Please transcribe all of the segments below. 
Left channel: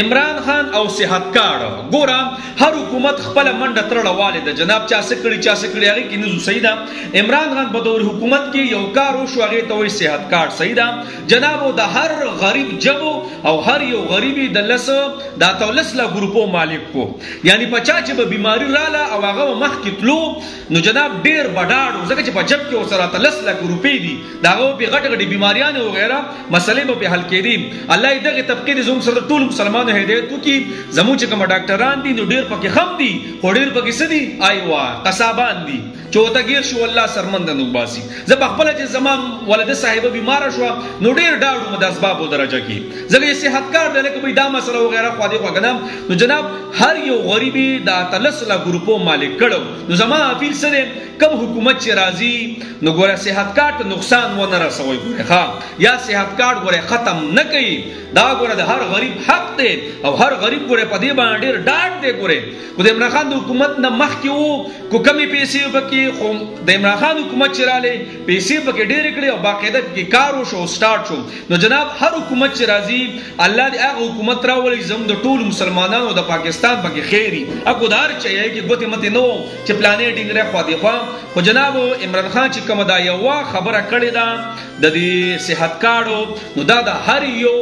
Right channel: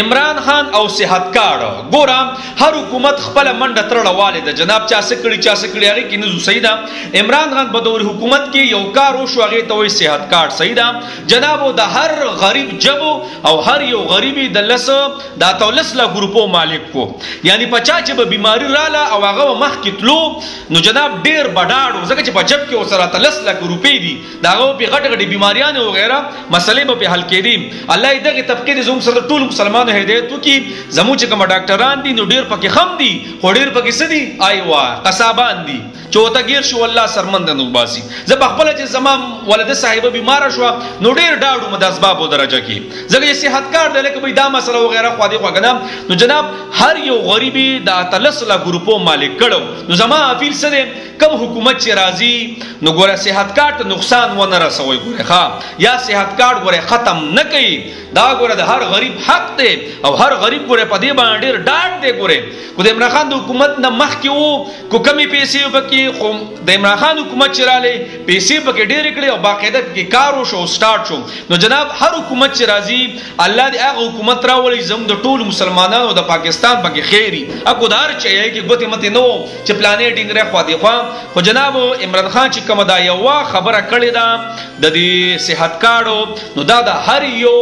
عمران خان او صحت کارت ګورم هر حکومت خپل منډه ترړه والده جناب چا څه کړي هغه کې نه صحیح ده. عمران خان په دور حکومت کې یو کار وشو هغه ته وایي صحت کارت صحیح ده جناب. د هر غریب جبو او هر یو غریبي د لس د 13 لا ګروپو مالک کو یعنی پچا چې به بیماری رااله او هغه مخ کې تلو نو جناب ډیر بډاړو ځکه چې په جب کې وسره 13 لا ګروپې دي داغه په غټ غټ بیماریان او غیره مسلې به حل کېدي. الله دغه طبقه د زوم سره ټول مسلمان هدایت وکي زمو چې کوم ډاکټران دي نو ډیر پکې خم دي خو ډیر پکې سدي ایوا قصابان دي چوتګیر شو الله سرمند نو باسي. زه بخپل چې زمام ولده صاحب بیمار شو نو ډیر ډاډو مد اسباب درجه کې زګې صحت کار د لکه به دا مسله وغیرہ خو دې وګنم نو جناب هر یو غریبي د 13 لا ګروپو مالک کړو نو زما اپیل سره کم حکومت چې راځي نو ګوره صحت کارت نقصان و نه رسوي ګوره ښا یا صحت کارت ګوره ختم نه کوي دا ګوره د هر غریب حق دی او هر غریب ګوره په دې باندې ډیر ډاډ دی. ګوره کو د عمران خان د حکومت نه مخکې وو کو کمی پیسې وبکې خو د عمران خان حکومت چراله پیسې پکې ډیر کړي او باقاعده کې کار وشو سٹارټ شو نو جناب هر حکومت چې راځي الله دې هغه حکومت راولي زم د ټول مسلمانانو د پاکستان پکې خیری اكو دار چي کې ګوتې مت نو چې پلانې ډینګره خو دې خو جناب عمران خان چې کوم دا یو خبره کړې ده د دې صحت کارت نو دا د هر یو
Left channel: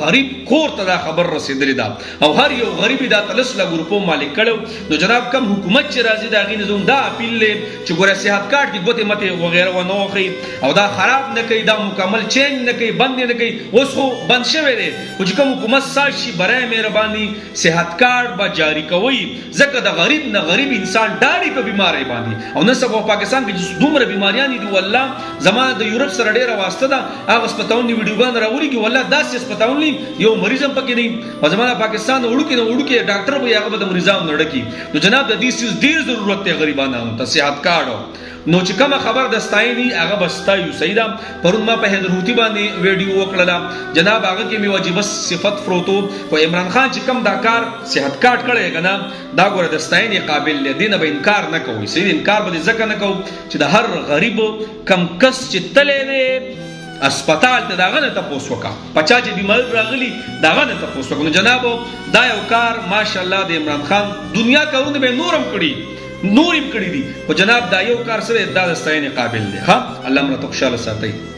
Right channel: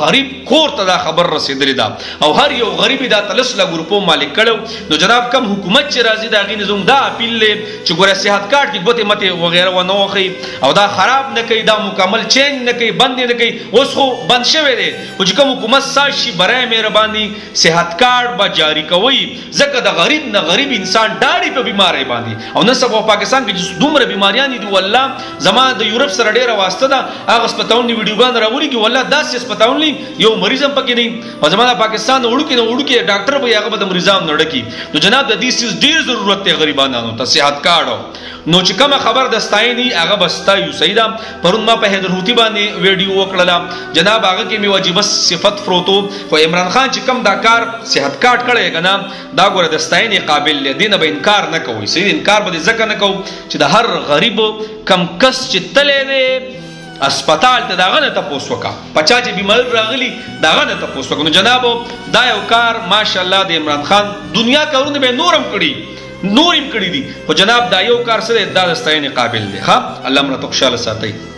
غریب کور ته دا خبر رسیدلې ده او هر یو غریب دا 13 لا ګروپو مالک کړو نو جناب کم حکومت چې راځي دا غي نظام دا اپیل لې چې ګوره صحت کارت کې ګوتې مت وغیرہ و نو خي او دا خراب نه کوي دا مکمل چینج نه کوي بند نه کوي اوس خو بند شوی دی او چې کوم حکومت ساشي برای مهرباني صحت کارت به جاری کوي ځکه د غریب نه غریب انسان ډاډي په بیماری باندې او نه سبا پاکستان کې دومره بیماریان دي والله زما د یورپ سره ډیره واسطه ده هغه سپتاون ویډیوګان راولي کې والله داسې سپتاون یو مریضم پکې نه او زما د پاکستان وړو کې ډاکټر به هغه د مریضام نړکی نو جناب د دې سیس ډیر ضرورت دی غریبانو ته صحت کارت نو چې کوم خبر دستایني هغه بستایو سیدا پرون ما په حیدرحوتی باندې ویډیو وکړه جناب هغه کې می واجب صفت فروتو خو عمران خان چې کوم دا کار صحت کارت کړی کنه دا ګوره دستایني قابل دینه به انکار نه کوي سید انکار به ځکه نه کوي چې د هر غریب کم کس چې تلې نه اسپیټال ته داغه نه تاسو وکا پچا چې بیمار راغلی داغه نه تاسو وکا نو جناب دا یو کار ماشاءالله د عمران خان دنیا کارونه به نورم کړی دي خو جناب دا یو کار سره د دستاینې قابل دی ها الله مرته خوشاله ساتي.